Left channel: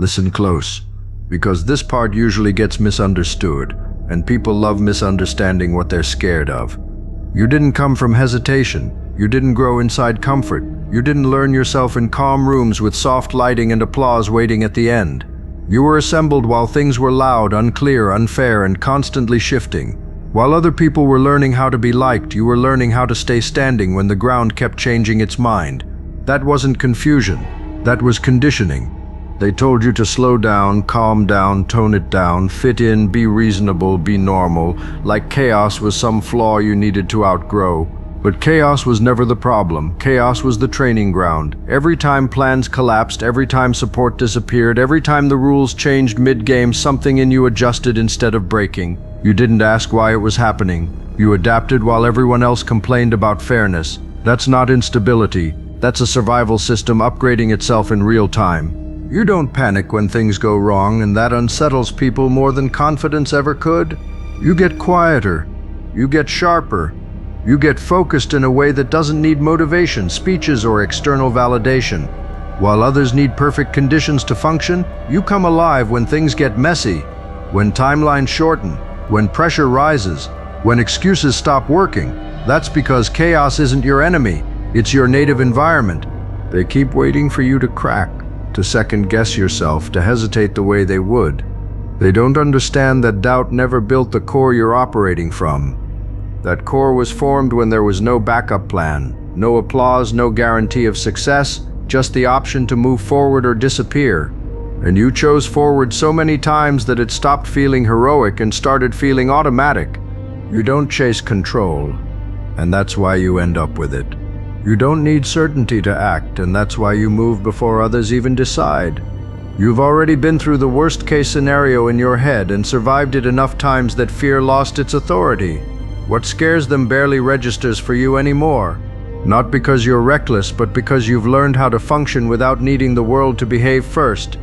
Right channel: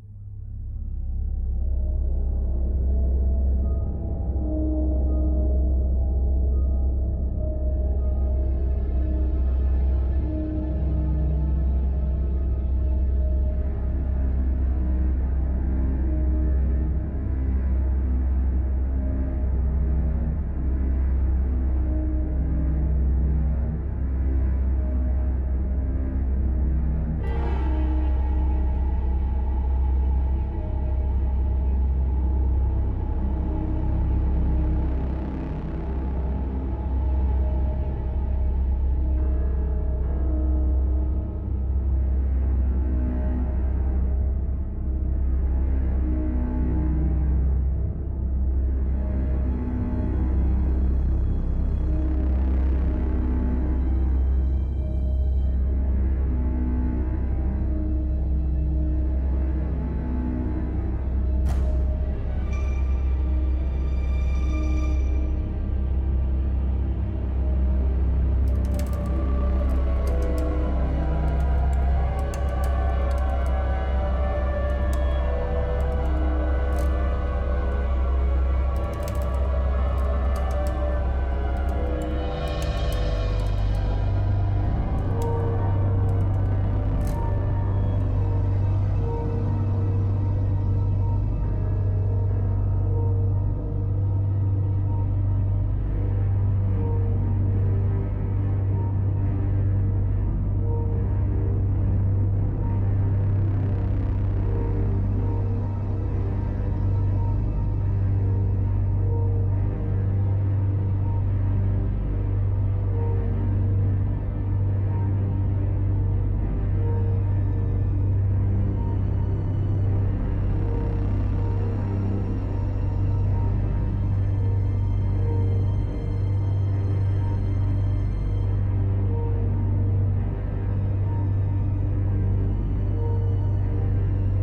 Listen close, because this part usually gets misunderstood, and people love misunderstanding what they're scared of. You didn't come from hesitation. You didn't grow inside comfort. You didn't learn yourself in calm rooms with soft lighting and applause waiting at the end. You were assembled while things were loud, unclear, unfair, and constantly shifting. While other people were learning how to be liked, you were learning how to stay standing when the ground kept changing its mind. That wasn't confusion. That was conditioning. They told you to slow down, calm down, tone it down, fit in, be reasonable, be normal, like chaos was some flaw you needed to outgrow. But chaos was never the problem. Chaos was the training ground. Every time plans collapsed, every time support disappeared, every time the rules changed mid-game, something in you adjusted instead of breaking. You didn't ask why it was happening. You adapted while everyone else complained about fairness. That's not instability. That's a survival system upgrading itself in real time. You don't panic when things go wrong, and that unsettles people more than confidence ever could. You get quieter. You get sharper. You get focused in a way that doesn't need motivation, speeches, or external validation. While others need perfect conditions to function, you come alive when things get messy, when timelines shorten, when pressure rises, when excuses stop working. That's because chaos isn't your enemy, it's your native environment. They keep waiting for you to crack, to second-guess yourself, to hesitate the way they would. They don't understand that doubt never built the core you're operating from. That core was formed when there was no backup plan, no applause, no guarantee of success, just the option to move forward or disappear. And you chose forward so many times that it stopped feeling heroic and started feeling automatic. You don't chase control, and that's why you end up with it. You don't need certainty to act, and that's why you move before others even decide. You've already been through the worst-case scenario in your head and survived it enough times that fear lost its authority. What scares them barely registers for you anymore. Not because you're reckless, but because you've learned how to function without needing the world to behave first.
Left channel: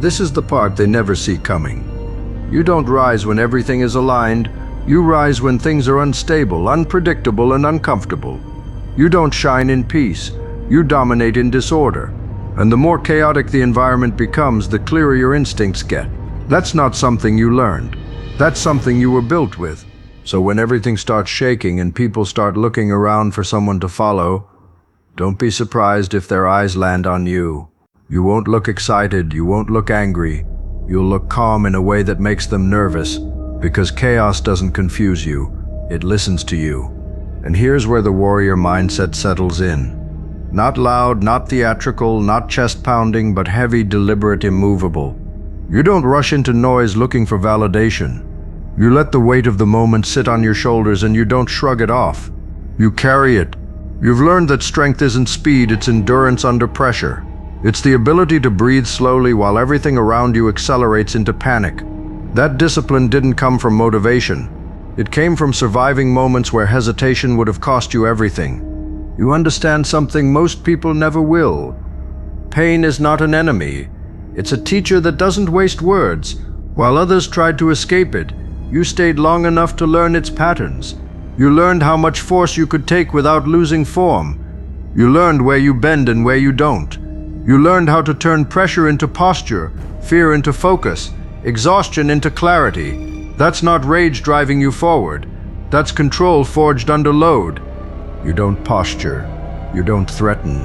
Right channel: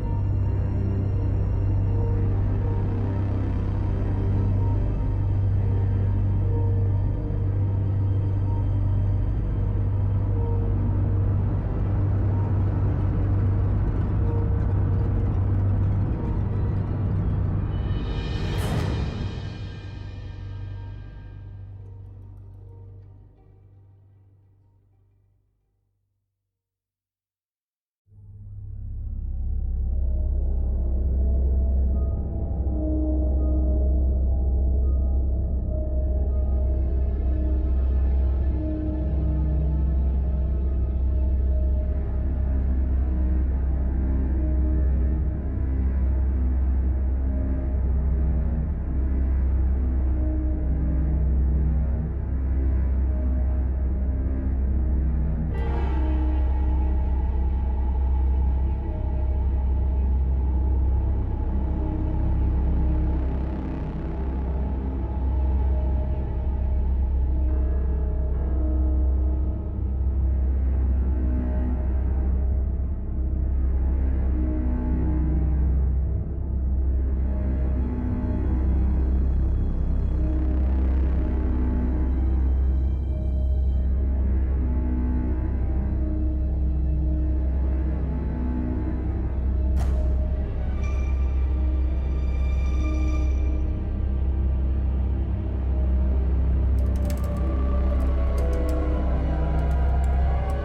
This is the part they never see coming. You don't rise when everything is aligned. You rise when things are unstable, unpredictable, and uncomfortable. You don't shine in peace. You dominate in disorder. And the more chaotic the environment becomes, the clearer your instincts get. That's not something you learned. That's something you were built with. So when everything starts shaking and people start looking around for someone to follow, don't be surprised if their eyes land on you. You won't look excited, you won't look angry. You'll look calm in a way that makes them nervous, because chaos doesn't confuse you, it listens to you. And here's where the warrior mindset settles in. Not loud, not theatrical, not chest-pounding, but heavy, deliberate, immovable. You don't rush into noise looking for validation. You let the weight of the moment sit on your shoulders and you don't shrug it off. You carry it. You've learned that strength isn't speed, it's endurance under pressure. It's the ability to breathe slowly while everything around you accelerates into panic. That discipline didn't come from motivation. It came from surviving moments where hesitation would have cost you everything. You understand something most people never will. Pain is not an enemy. It's a teacher that doesn't waste words. While others tried to escape it, you stayed long enough to learn its patterns. You learned how much force you could take without losing form. You learned where you bend and where you don't. You learned how to turn pressure into posture, fear into focus, exhaustion into clarity. That's not rage driving you forward. That's control forged under load. You don't posture. You don't threaten.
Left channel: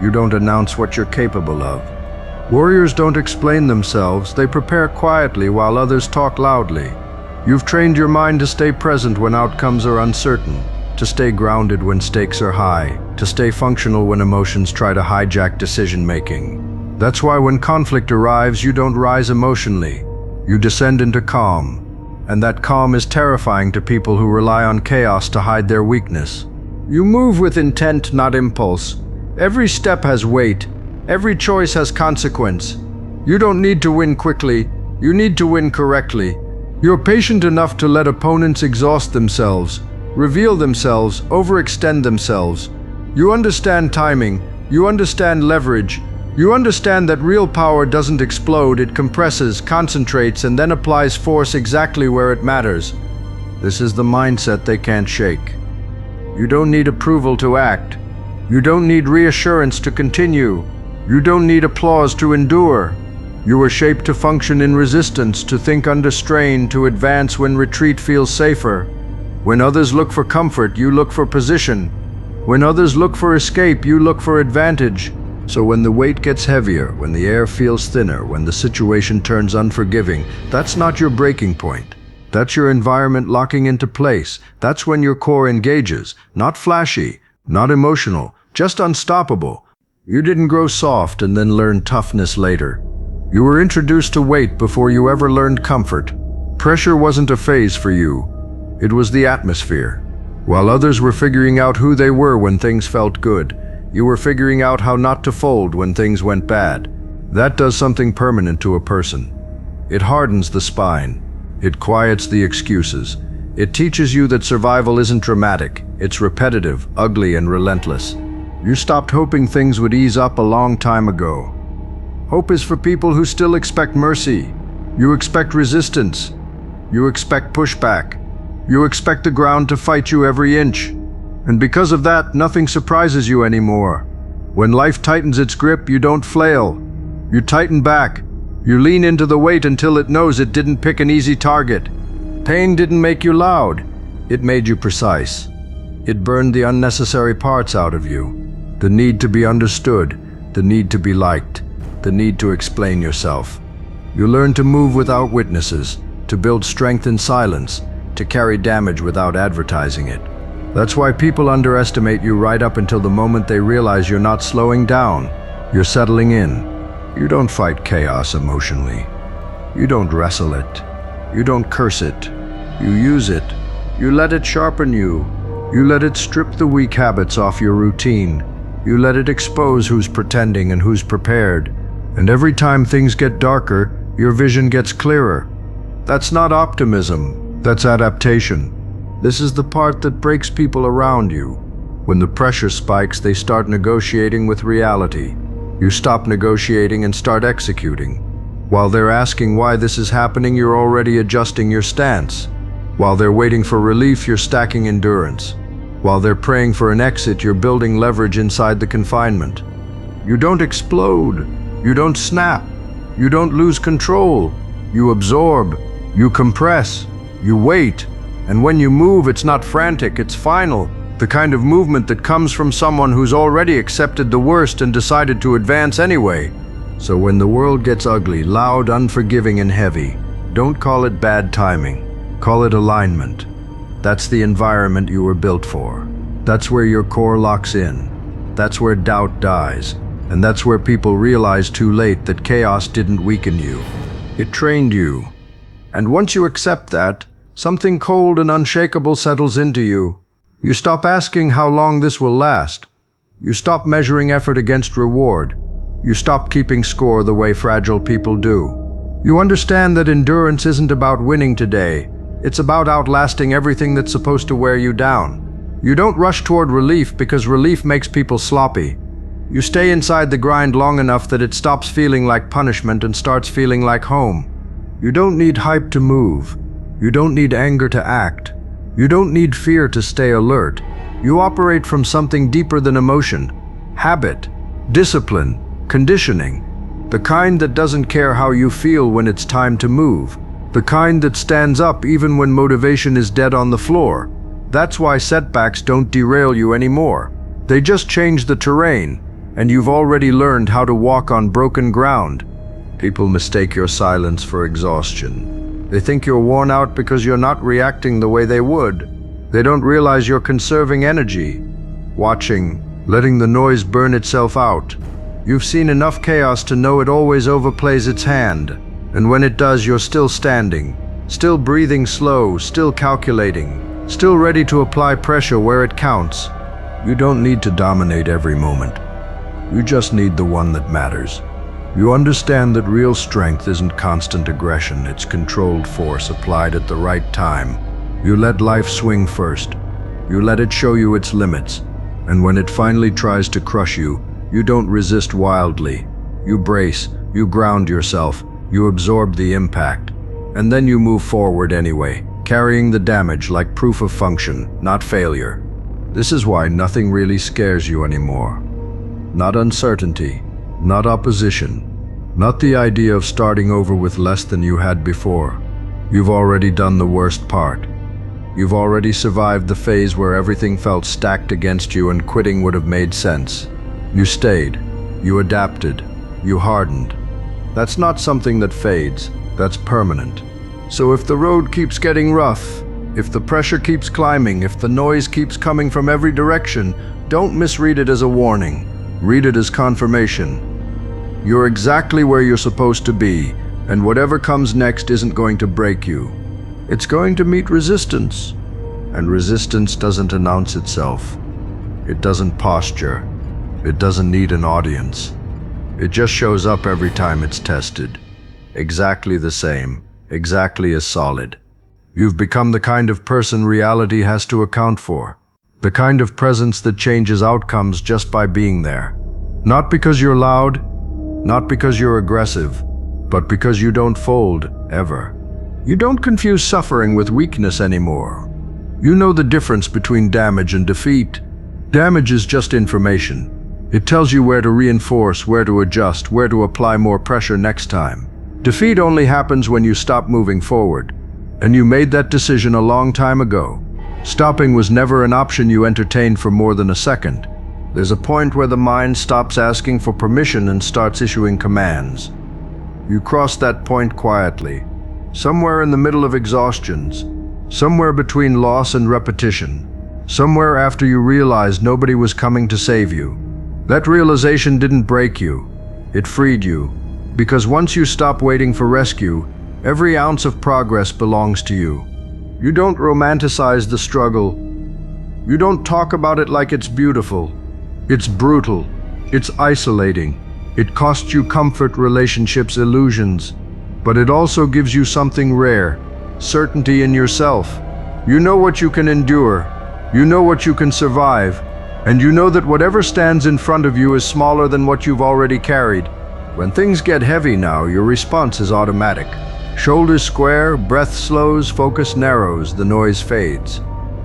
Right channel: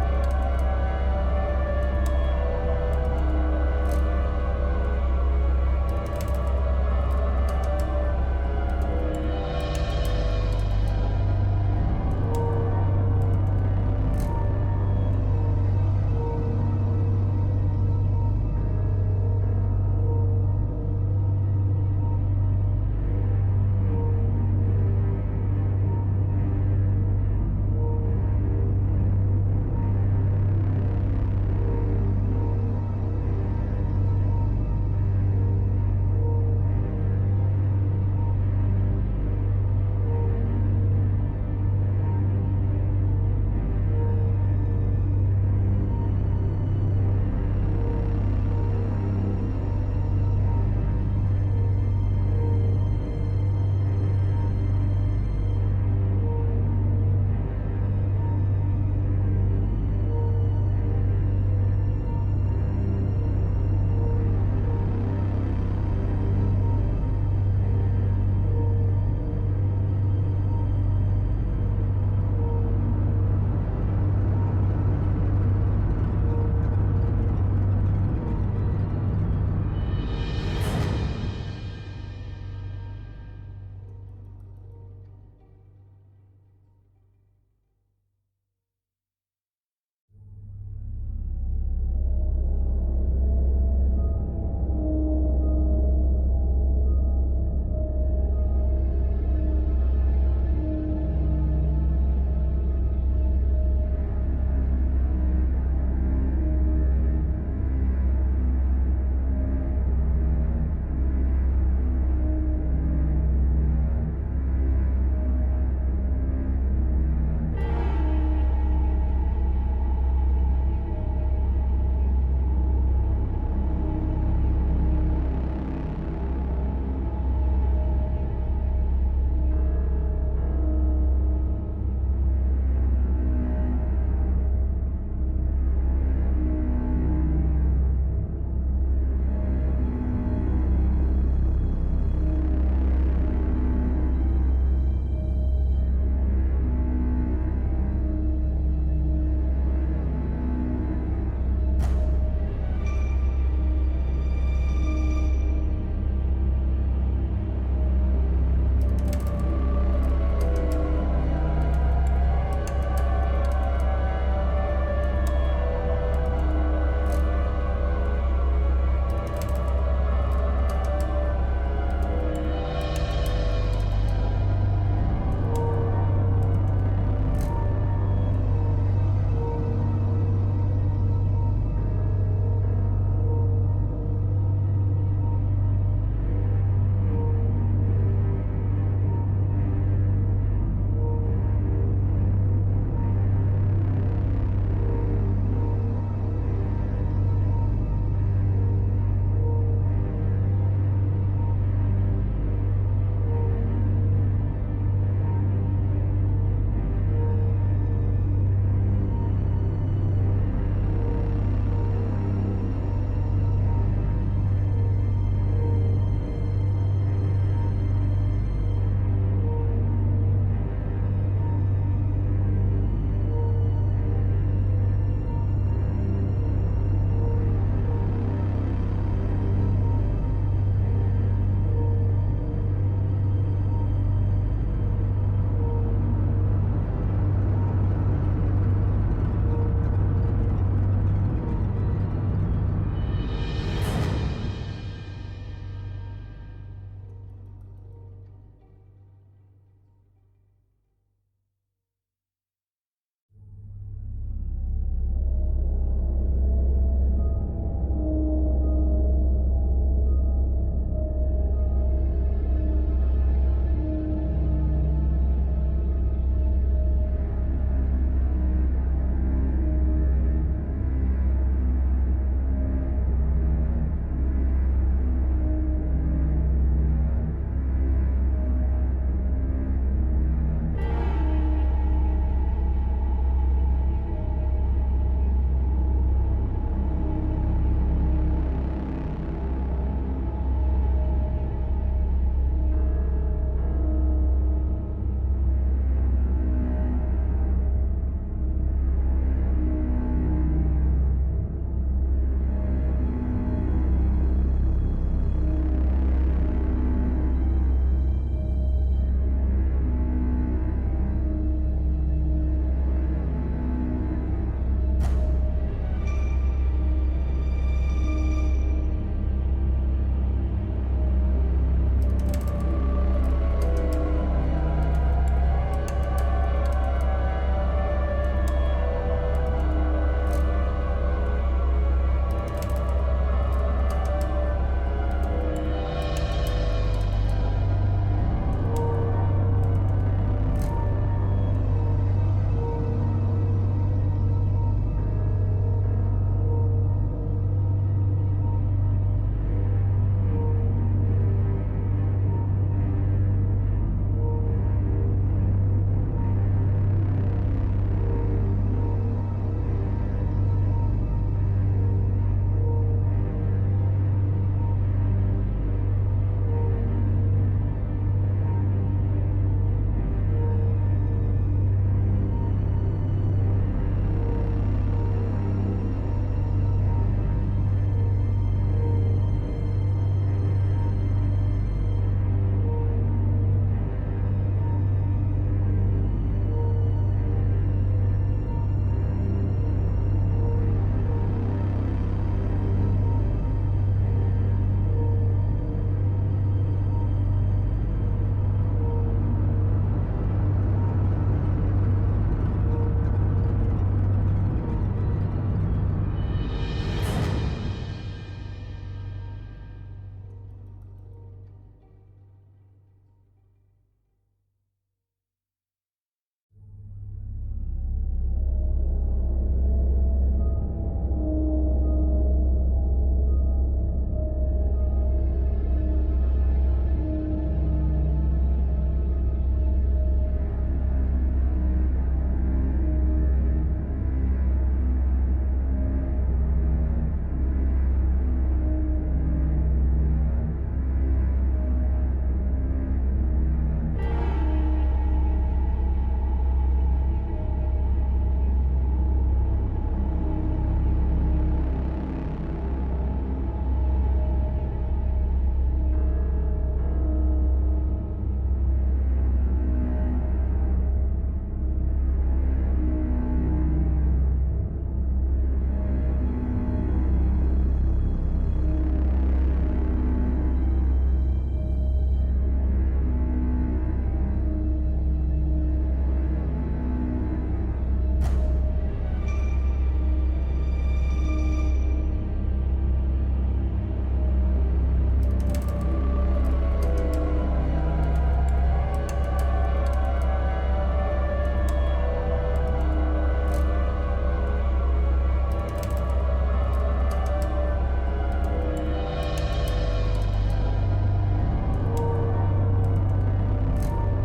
You don't announce what you're capable of. Warriors don't explain themselves. They prepare quietly while others talk loudly. You've trained your mind to stay present when outcomes are uncertain, to stay grounded when stakes are high, to stay functional when emotions try to hijack decision-making. That's why when conflict arrives, you don't rise emotionally. You descend into calm. And that calm is terrifying to people who rely on chaos to hide their weakness. You move with intent, not impulse. Every step has weight. Every choice has consequence. You don't need to win quickly. You need to win correctly. You're patient enough to let opponents exhaust themselves, reveal themselves, overextend themselves. You understand timing. You understand leverage. You understand that real power doesn't explode, it compresses, concentrates, and then applies force exactly where it matters. This is the mindset they can't shake. You don't need approval to act. You don't need reassurance to continue. You don't need applause to endure. You were shaped to function in resistance, to think under strain, to advance when retreat feels safer. When others look for comfort, you look for position. When others look for escape, you look for advantage. So when the weight gets heavier, when the air feels thinner, when the situation turns unforgiving, that's not your breaking point. That's your environment locking into place. That's when your core engages. Not flashy, not emotional, just unstoppable. You didn't grow soft and then learn toughness later. You were introduced to weight before you ever learned comfort. Pressure wasn't a phase for you. It was the atmosphere. While others were figuring out who they were when things felt good, you were figuring out how not to fold when things went bad. That does something permanent to a person. It hardens the spine. It quiets the excuses. It teaches you that survival isn't dramatic. It's repetitive, ugly, and relentless. You stopped hoping things would ease up a long time ago. Hope is for people who still expect mercy. You expect resistance. You expect pushback. You expect the ground to fight you every inch. And because of that, nothing surprises you anymore. When life tightens its grip, you don't flail. You tighten back. You lean into the weight until it knows it didn't pick an easy target. Pain didn't make you loud. It made you precise. It burned the unnecessary parts out of you. The need to be understood, the need to be liked, the need to explain yourself. You learn to move without witnesses, to build strength in silence, to carry damage without advertising it. That's why people underestimate you right up until the moment they realize you're not slowing down. You're settling in. You don't fight chaos emotionally. You don't wrestle it. You don't curse it. You use it. You let it sharpen you. You let it strip the weak habits off your routine. You let it expose who's pretending and who's prepared. And every time things get darker, your vision gets clearer. That's not optimism, that's adaptation. This is the part that breaks people around you. When the pressure spikes, they start negotiating with reality. You stop negotiating and start executing. While they're asking why this is happening, you're already adjusting your stance. While they're waiting for relief, you're stacking endurance. While they're praying for an exit, you're building leverage inside the confinement. You don't explode. You don't snap. You don't lose control. You absorb. You compress. You wait. And when you move, it's not frantic, it's final. The kind of movement that comes from someone who's already accepted the worst and decided to advance anyway. So when the world gets ugly, loud, unforgiving, and heavy, don't call it bad timing. Call it alignment. That's the environment you were built for. That's where your core locks in. That's where doubt dies. And that's where people realize too late that chaos didn't weaken you. It trained you. And once you accept that, something cold and unshakable settles into you. You stop asking how long this will last. You stop measuring effort against reward. You stop keeping score the way fragile people do. You understand that endurance isn't about winning today. It's about outlasting everything that's supposed to wear you down. You don't rush toward relief because relief makes people sloppy. You stay inside the grind long enough that it stops feeling like punishment and starts feeling like home. You don't need hype to move. You don't need anger to act. You don't need fear to stay alert. You operate from something deeper than emotion. Habit, discipline, conditioning. The kind that doesn't care how you feel when it's time to move. The kind that stands up even when motivation is dead on the floor. That's why setbacks don't derail you anymore. They just change the terrain, and you've already learned how to walk on broken ground. People mistake your silence for exhaustion. They think you're worn out because you're not reacting the way they would. They don't realize you're conserving energy, watching, letting the noise burn itself out. You've seen enough chaos to know it always overplays its hand. And when it does, you're still standing, still breathing slow, still calculating, still ready to apply pressure where it counts. You don't need to dominate every moment. You just need the one that matters. You understand that real strength isn't constant aggression, it's controlled force applied at the right time. You let life swing first. You let it show you its limits. And when it finally tries to crush you, you don't resist wildly. You brace, you ground yourself, you absorb the impact. And then you move forward anyway, carrying the damage like proof of function, not failure. This is why nothing really scares you anymore. Not uncertainty, not opposition, Not the idea of starting over with less than you had before. You've already done the worst part. You've already survived the phase where everything felt stacked against you and quitting would have made sense. You stayed. You adapted. You hardened. That's not something that fades. That's permanent. So if the road keeps getting rough, if the pressure keeps climbing, if the noise keeps coming from every direction, don't misread it as a warning. Read it as confirmation. You're exactly where you're supposed to be, and whatever comes next isn't going to break you. It's going to meet resistance. And resistance doesn't announce itself. It doesn't posture. It doesn't need an audience. It just shows up every time it's tested. Exactly the same. Exactly as solid. You've become the kind of person reality has to account for. The kind of presence that changes outcomes just by being there. Not because you're loud, not because you're aggressive, but because you don't fold, ever. You don't confuse suffering with weakness anymore. You know the difference between damage and defeat. Damage is just information. It tells you where to reinforce, where to adjust, where to apply more pressure next time. Defeat only happens when you stop moving forward. And you made that decision a long time ago. Stopping was never an option you entertained for more than a second. There's a point where the mind stops asking for permission and starts issuing commands. You cross that point quietly, somewhere in the middle of exhaustions, somewhere between loss and repetition, somewhere after you realized nobody was coming to save you. That realization didn't break you, it freed you, because once you stop waiting for rescue, every ounce of progress belongs to you. You don't romanticize the struggle. You don't talk about it like it's beautiful. It's brutal. It's isolating. It costs you comfort, relationships, illusions. But it also gives you something rare, certainty in yourself. You know what you can endure. You know what you can survive. And you know that whatever stands in front of you is smaller than what you've already carried. When things get heavy now, your response is automatic. Shoulders square, breath slows, focus narrows, the noise fades.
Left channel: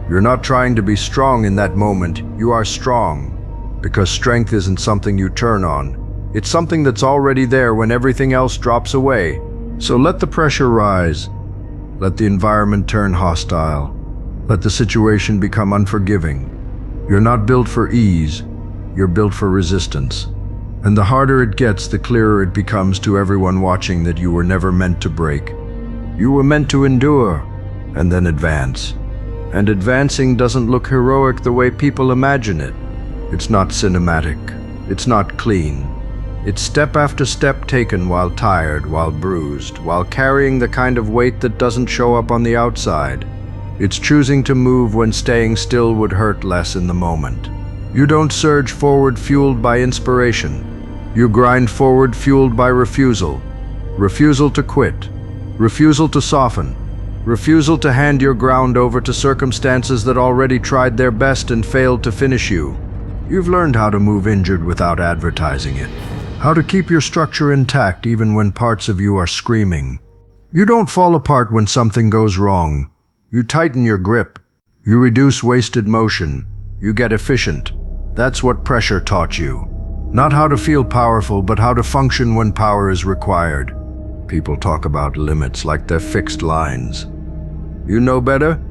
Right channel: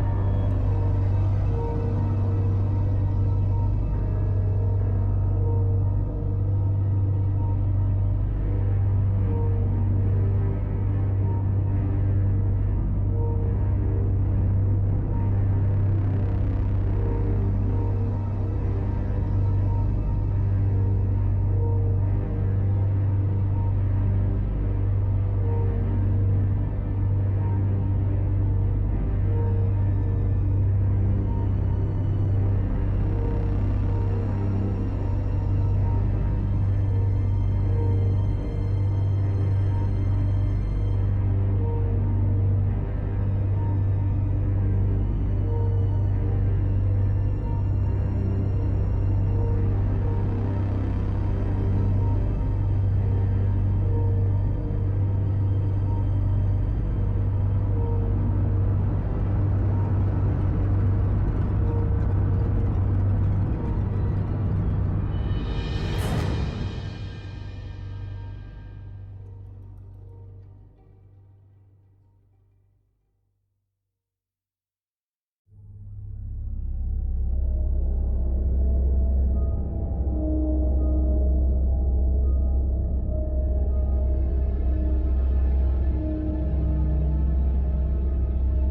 You're not trying to be strong in that moment, you are strong. Because strength isn't something you turn on. It's something that's already there when everything else drops away. So let the pressure rise. Let the environment turn hostile. Let the situation become unforgiving. You're not built for ease, you're built for resistance. And the harder it gets, the clearer it becomes to everyone watching that you were never meant to break. You were meant to endure, and then advance. And advancing doesn't look heroic the way people imagine it. It's not cinematic. It's not clean. It's step after step taken while tired, while bruised, while carrying the kind of weight that doesn't show up on the outside. It's choosing to move when staying still would hurt less in the moment. You don't surge forward fueled by inspiration. You grind forward fueled by refusal. Refusal to quit. Refusal to soften. Refusal to hand your ground over to circumstances that already tried their best and failed to finish you. You've learned how to move injured without advertising it. How to keep your structure intact even when parts of you are screaming. You don't fall apart when something goes wrong. You tighten your grip. You reduce wasted motion. You get efficient. That's what pressure taught you. Not how to feel powerful, but how to function when power is required. People talk about limits like they're fixed lines. You know better?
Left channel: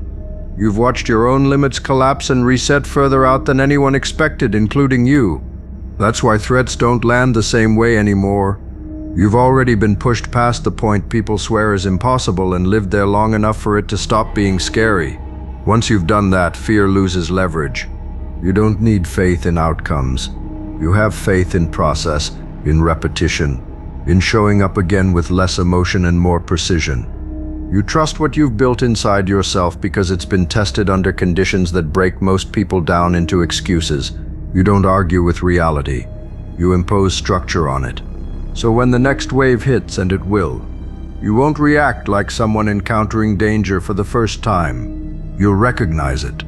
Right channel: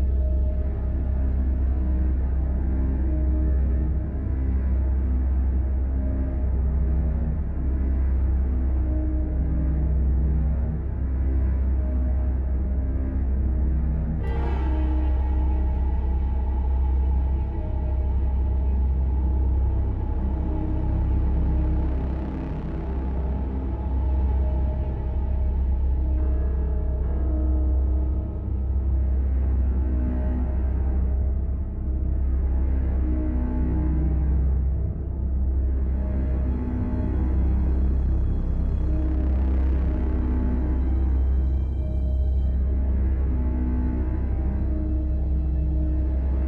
You've watched your own limits collapse and reset further out than anyone expected, including you. That's why threats don't land the same way anymore. You've already been pushed past the point people swear is impossible and lived there long enough for it to stop being scary. Once you've done that, fear loses leverage. You don't need faith in outcomes. You have faith in process, in repetition, in showing up again with less emotion and more precision. You trust what you've built inside yourself because it's been tested under conditions that break most people down into excuses. You don't argue with reality. You impose structure on it. So when the next wave hits, and it will, you won't react like someone encountering danger for the first time. You'll recognize it.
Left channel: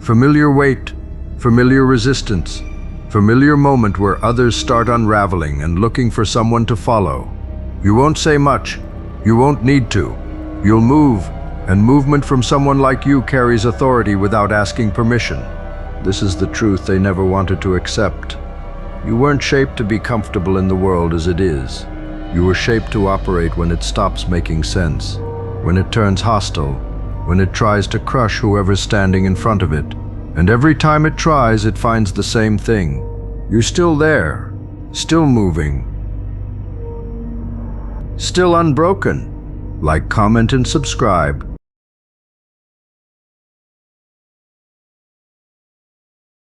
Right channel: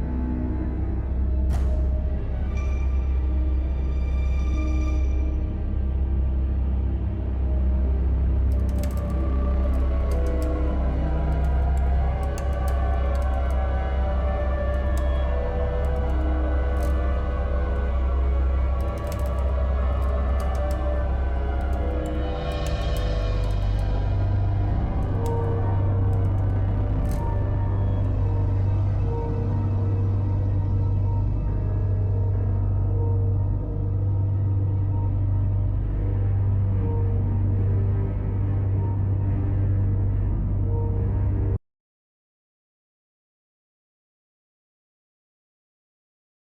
Familiar weight, familiar resistance, familiar moment where others start unraveling and looking for someone to follow. You won't say much. You won't need to. You'll move, and movement from someone like you carries authority without asking permission. This is the truth they never wanted to accept. You weren't shaped to be comfortable in the world as it is. You were shaped to operate when it stops making sense, when it turns hostile, when it tries to crush whoever's standing in front of it. And every time it tries, it finds the same thing. You're still there, still moving, still unbroken. Like, comment, and subscribe.